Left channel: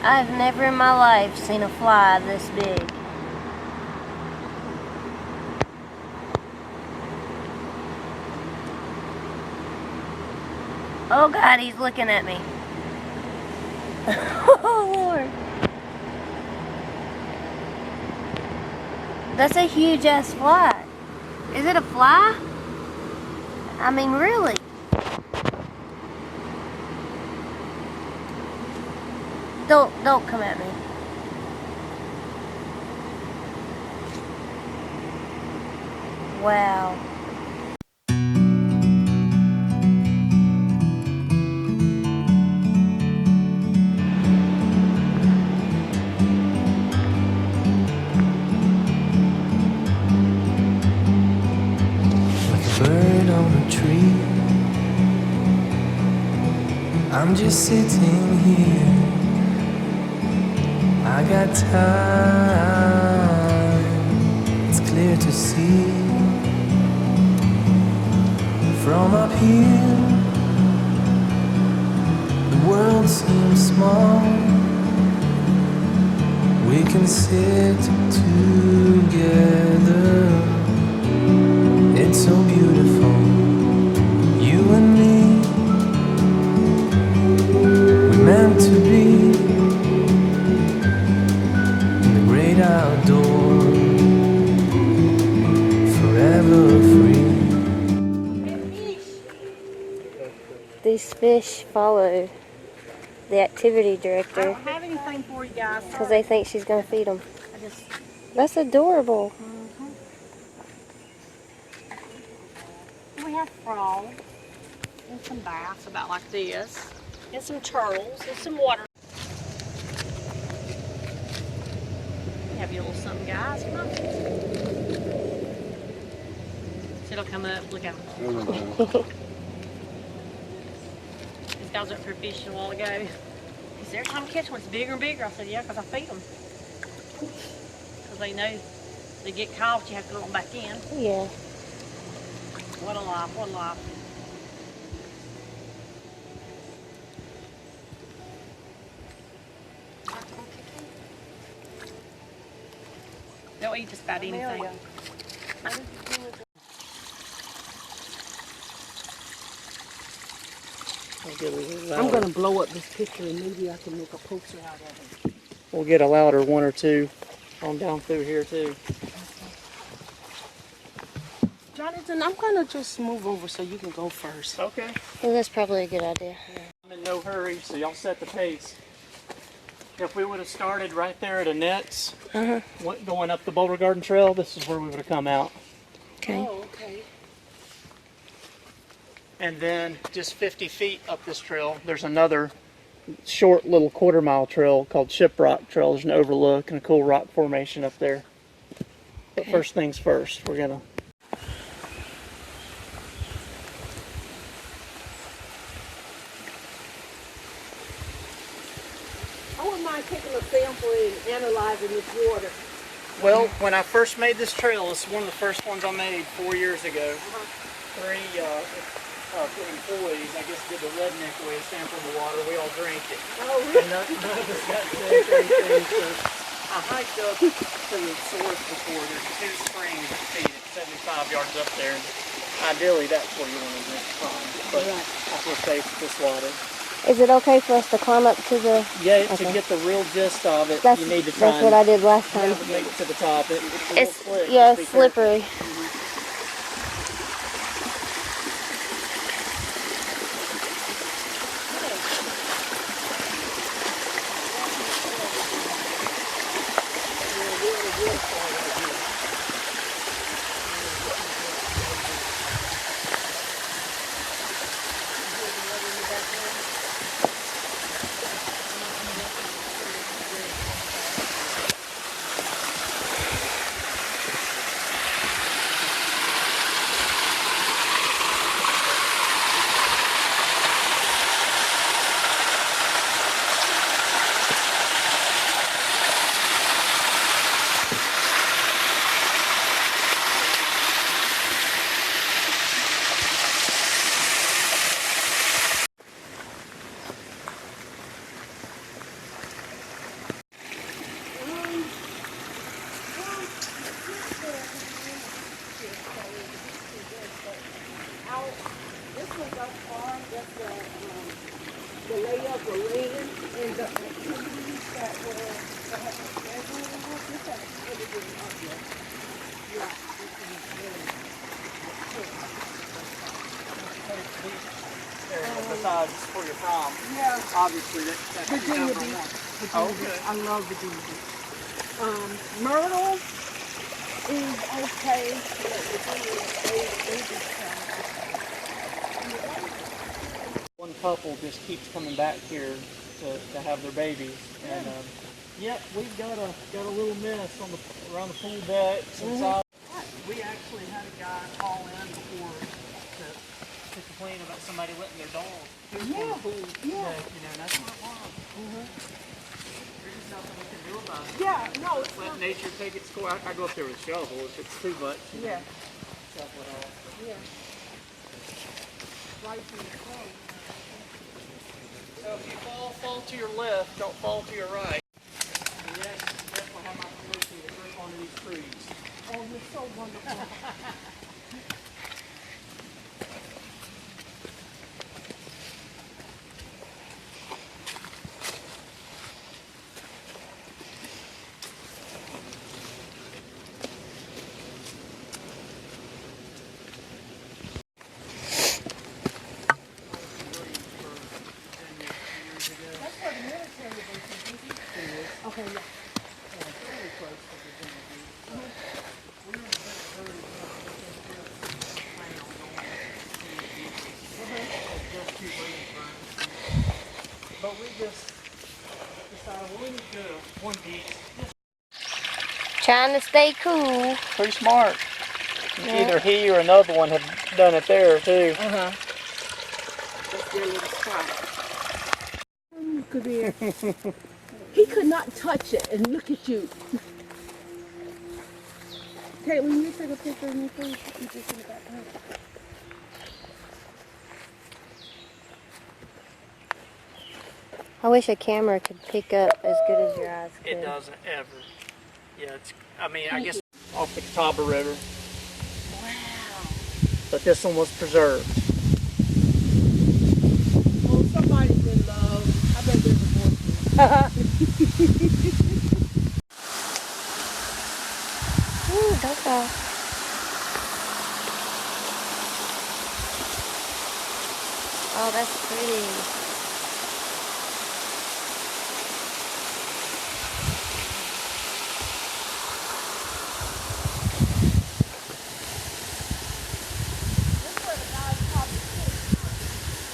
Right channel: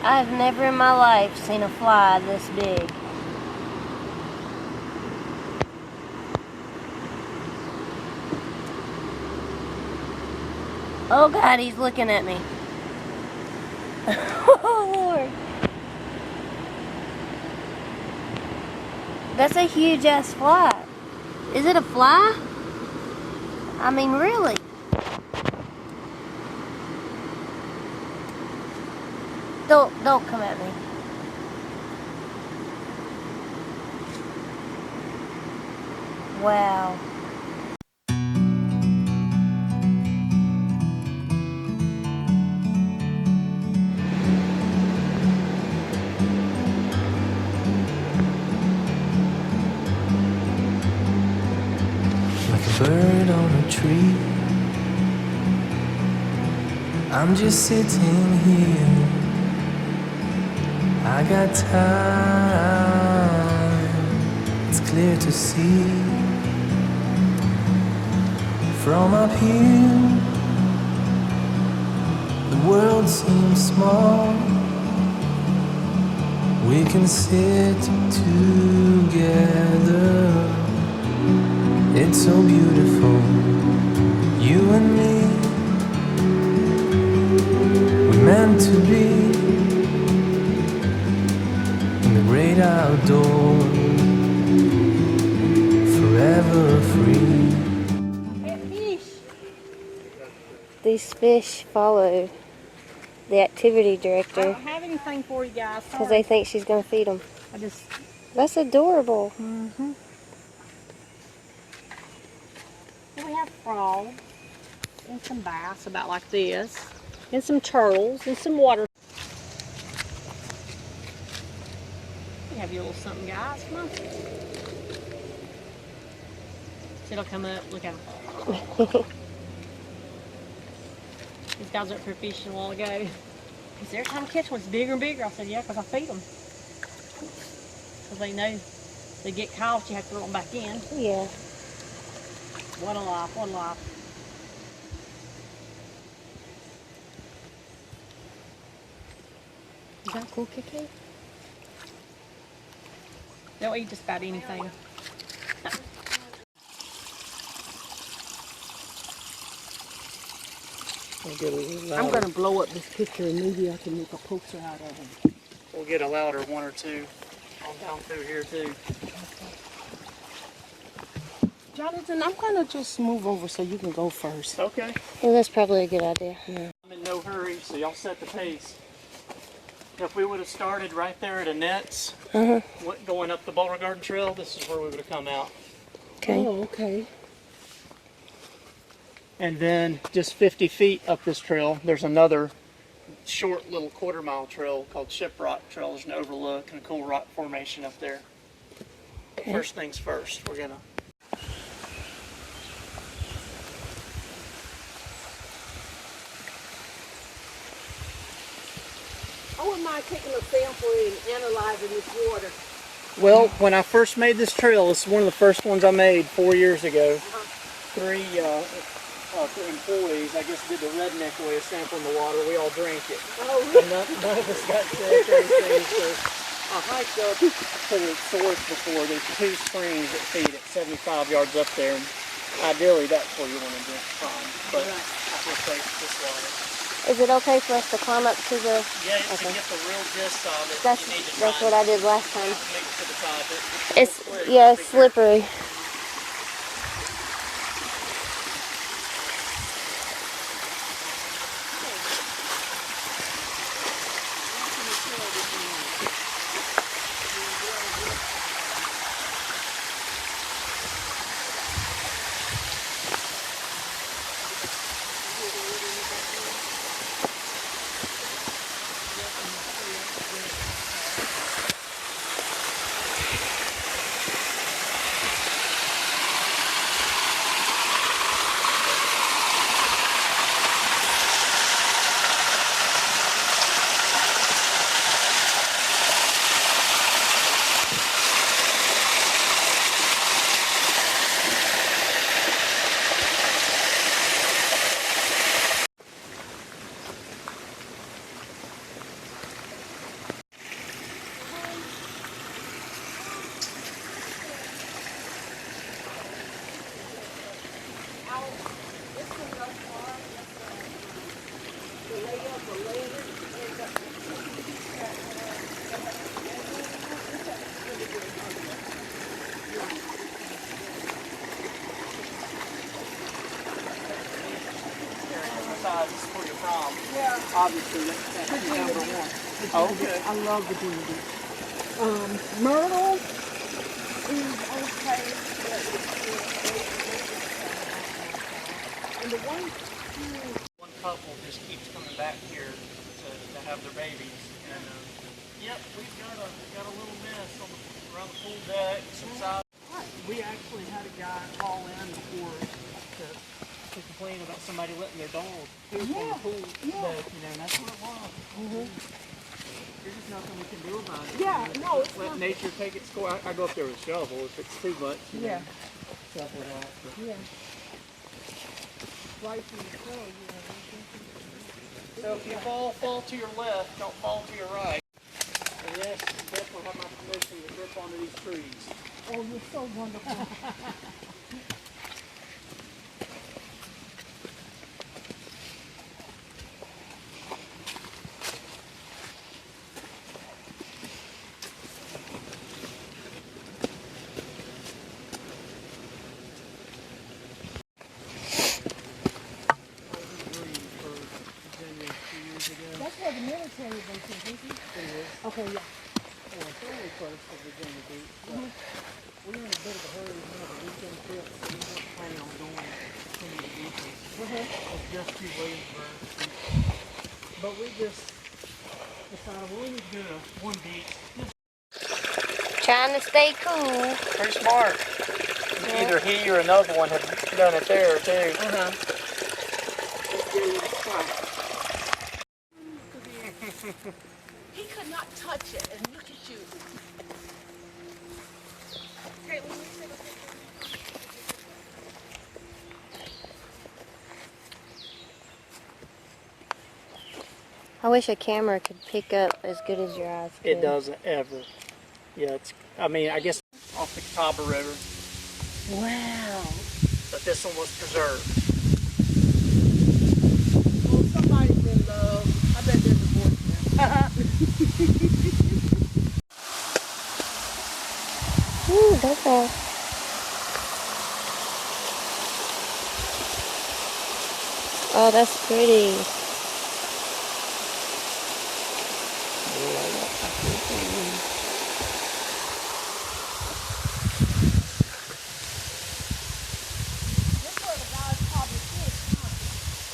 I've never in my life seen a fly this big. Oh God, he's looking at me. Oh Lord. That's a huge ass fly. Is it a fly? I mean, really? Don't come at me. Wow. Like a bird on a tree, I'm just sitting here. I got time, it's clear to see. From up here, the world seems small. We can sit together. It's so beautiful, you and me. We're meant to be in the great outdoors, forever free. These fish followed the activity I director don't have anything for you guys. because they think she's going to feed them. I just... That's adorable. Mm-hmm. We have frogs and some bass about like this, and some turtles and some water. You have your little something, guys. Come on. It'll come up. Look at them. These guys went for fishing a while ago. He said, every time I catch one, it's bigger and bigger. I said, yeah, because I feed them. Because they know they get caught, you have to throw them back in. Yeah. What a life, what a life. Is that cool, Kiki? They'll eat just about anything. I'm going to blow up this picture and maybe I can make a poster out of it. We'll get a louder one or two on down through here too. Jonathan, I'm going to just move over so you can go first. Okay. Well, that's probably a good idea. Yeah. I'm in no hurry, so y'all set the pace. If we would have started right there at a nets, going up the Boulder Garden Trail, this is where we would have come out. Okay. Oh, okay. And then just 50 feet up this trail, there's another short little quarter-mile trail called Shiprock Trail. There's an overlook and a cool rock formation up there. But first things first, we're going to... I wouldn't mind taking a sample and analyzing this water. Well, when I first made this trail, this is one of the first ones I made 4 years ago. Three employees, I guess, did the redneck where they sampled the water. We all drank it. Oh, really? And none of us got sick or anything. So I hiked up to the source before. There's 2 springs that feed at 75 yards up there. And ideally, that's where you want to drink from. But I feel safe with this water. Is it okay for us to climb up to the... Yeah, to get the real gist of it, That's, you need to that's what I did last time. make it to the top. It's yeah, it's slippery. this one thus far, that's the layout, the land, and the activities that have been scheduled. This has really been ugly. Yeah, this is really Besides where you're from, yeah. obviously that's Virginia number Beach. one. Virginia Oh, Beach. okay. I love Virginia Beach. Myrtle is okay, but Virginia, they just sound awesome. And the One couple just keeps coming back here to have their babies, and yep, we've got a little mess on around the pool decks inside. We actually had a guy call in before to complain about somebody letting their dog poop on the pool deck, you know, and that's what it was. There's just nothing we can do about it. Yeah, you know, no, it's let not. nature take its course. I go up there with a shovel if it's too much. You know, stuff like that. But Yeah. Right in the front, you know. so if you fall to your left, don't fall to your right. And yes, you definitely have my permission to grip onto these trees. Oh, you're so wonderful. That's where the military base is, isn't it? It is. Okay, yeah. Fairly close to Virginia Beach. We're in a bit of a hurry to have a weekend trip, so we weren't planning on going to any of the beaches. It's just to Williamsburg. But we just decided, well, we need to go to one beach. Trying to stay cool. Pretty smart. Either he or another one had done it there, too. That's their little spot. Come here. He could not touch it, and look at you. Katelyn, you take a picture of me, please? You just in the back here. I wish a camera could pick up as good as your eyes could. It doesn't ever. Yeah, I guess off the Catawba River. Wow. But this one was preserved. Well, somebody's in love. I bet they're divorced now. Ooh, don't fall. Oh, that's pretty.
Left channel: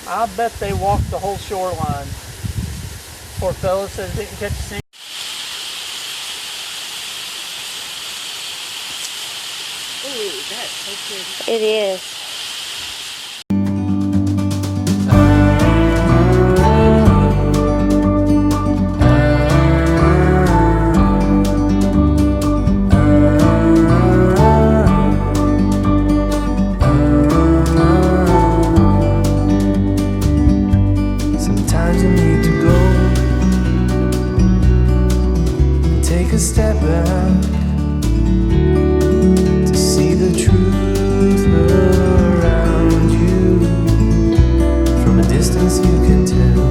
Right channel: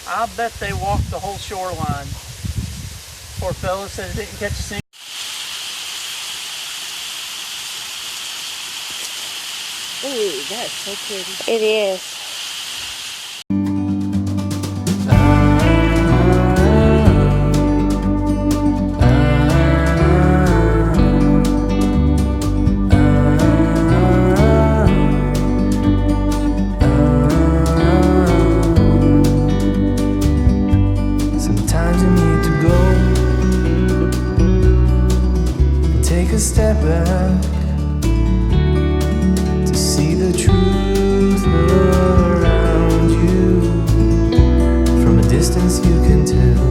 I bet they walked the whole shoreline. Poor fellas said they didn't catch a single. Ooh, that's so pretty. It is. Sometimes you need to go and take a step back to see the truth around you. From a distance you can tell.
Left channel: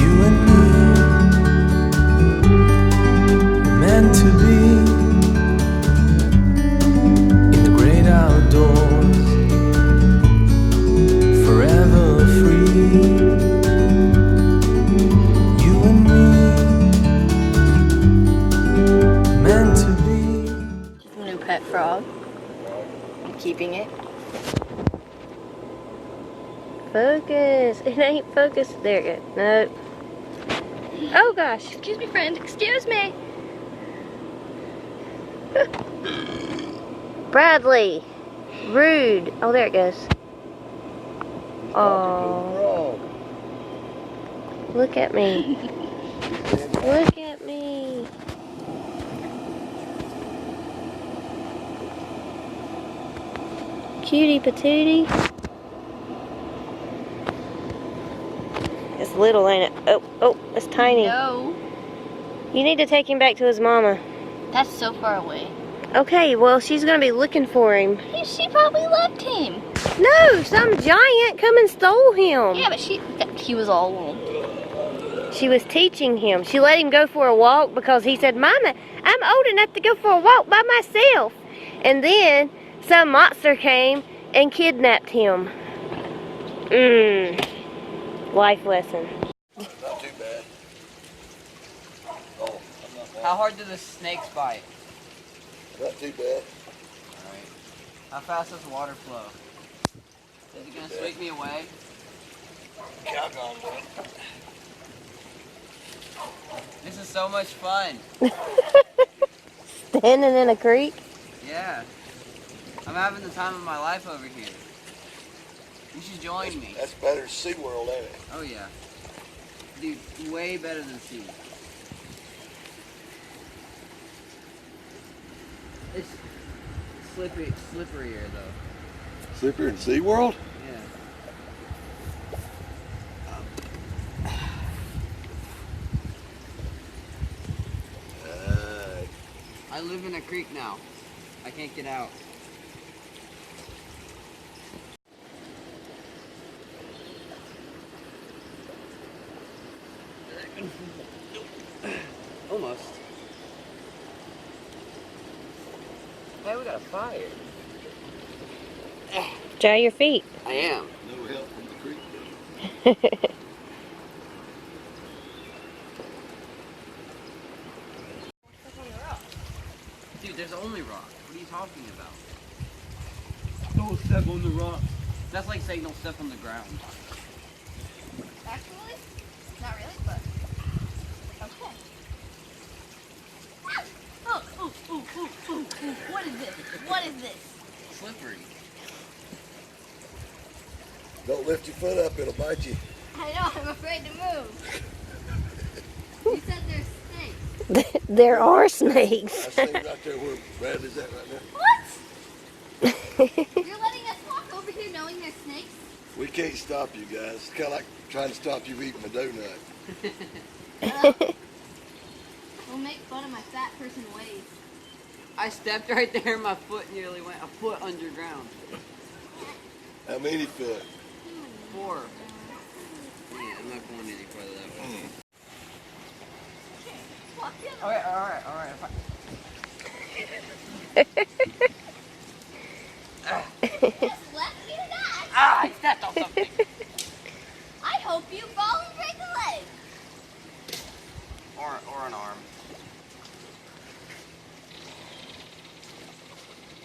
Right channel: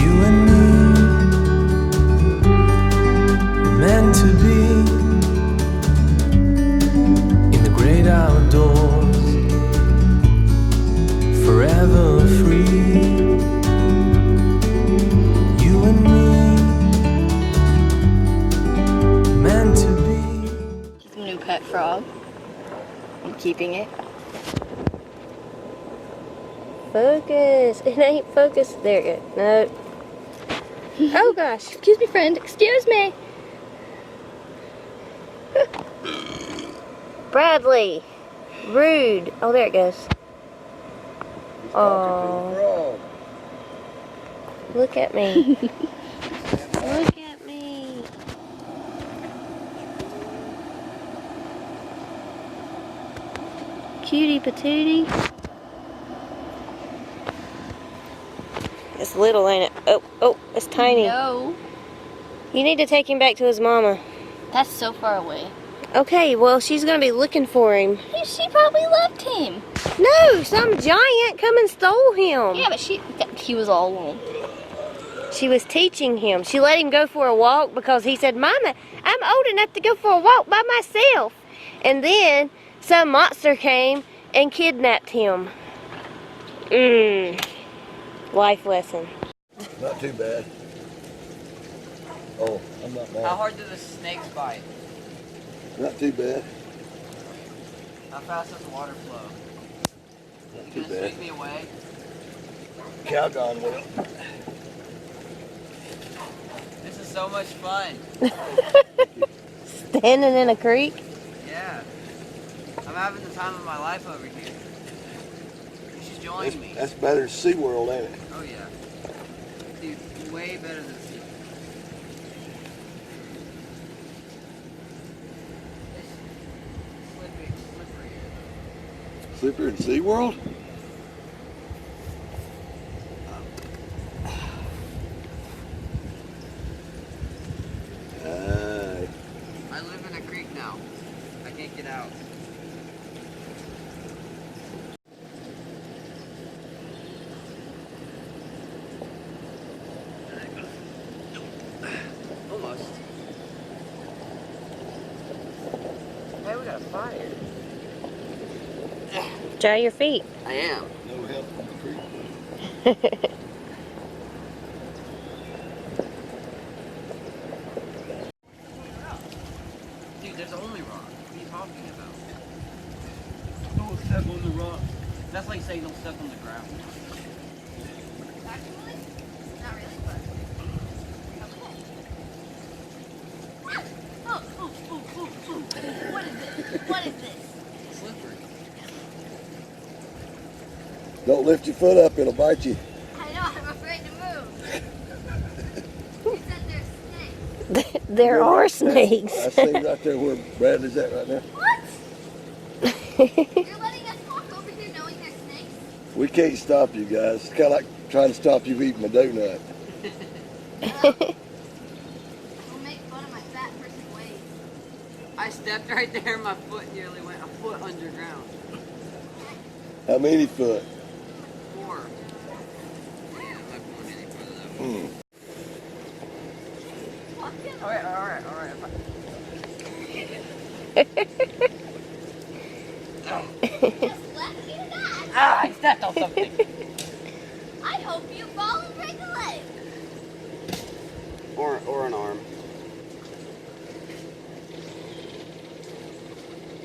You and me were meant to be in the great outdoors, forever free. You and me, meant to be. New pet frog. I'm keeping it. Focus. It ain't focused. There you go. No. Oh gosh. Excuse me, friend. Excuse me. Bradley. Rude. Oh, there it goes. Oh. Look at me. Look at me. Cutie patootie. This little, ain't it? Oh, oh, it's tiny. No. You need to take him back to his mama. That's so far away. Okay, well, she's gonna be looking for him. She probably left him. No, some giant come and stole him. Yeah, but he was all alone. She was teaching him. She let him go for a walk because he said, Mama, I'm old enough to go for a walk by myself. And then some monster came and kidnapped him. Life lesson. Not too bad. Oh, I'm not bad. How hard do the snakes bite? Not too bad. How fast does the water flow? Is it gonna sweep me away? Calgon will. This is so much fun. Standing in a creek? Yeah. I'm having the time of my life over here. You should join me. That's better than SeaWorld, ain't it? Oh yeah. Dude, way better than SeaWorld. It's slipperier though. Slipper in SeaWorld? I live in a creek now. I can't get out. Almost. Hey, we got a fire. Dry your feet. I am. No help from the creek. Dude, there's only rock. What are you talking about? Don't step on the rock. That's like saying don't step on the ground. Actually, not really, but okay. Oh. What is this? What is this? Slippery. Don't lift your foot up, it'll bite you. I know, I'm afraid to move. You said there's snakes. There are snakes. I see right there where Bradley's at right now. What? You're letting us walk over here knowing there's snakes? We can't stop you guys. It's kind of like trying to stop you eating a donut. We'll make fun of my fat person ways. I stepped right there and my foot nearly went a foot underground. How many foot? 4. Yeah, I'm not going any further though. Alright. Just left me to die. I stepped on something. I hope you fall and break a leg. Or an arm.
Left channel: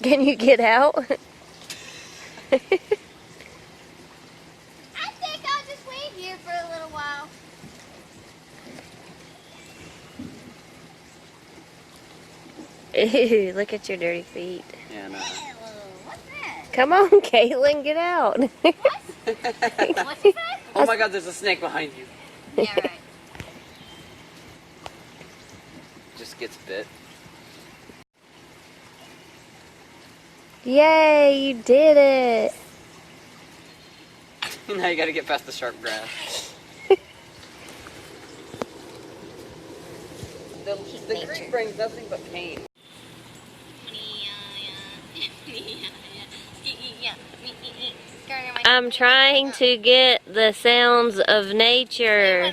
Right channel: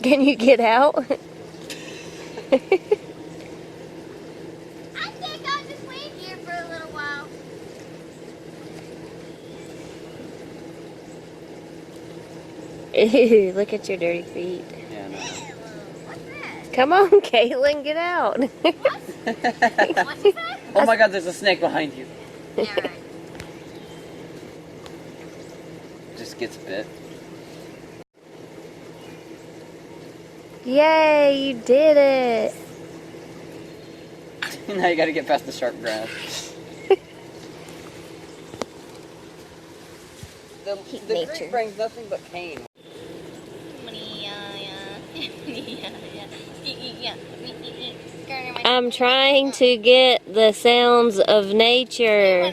Can you get out? I think I'll just wait here for a little while. Ew, look at your dirty feet. Yeah, no. What's that? Come on, Caitlin, get out. What's you say? Oh my god, there's a snake behind you. Yeah, right. Just gets bit. Yay, you did it. Now you gotta get past the sharp grass. The creek brings nothing but pain. I'm trying to get the sounds of nature.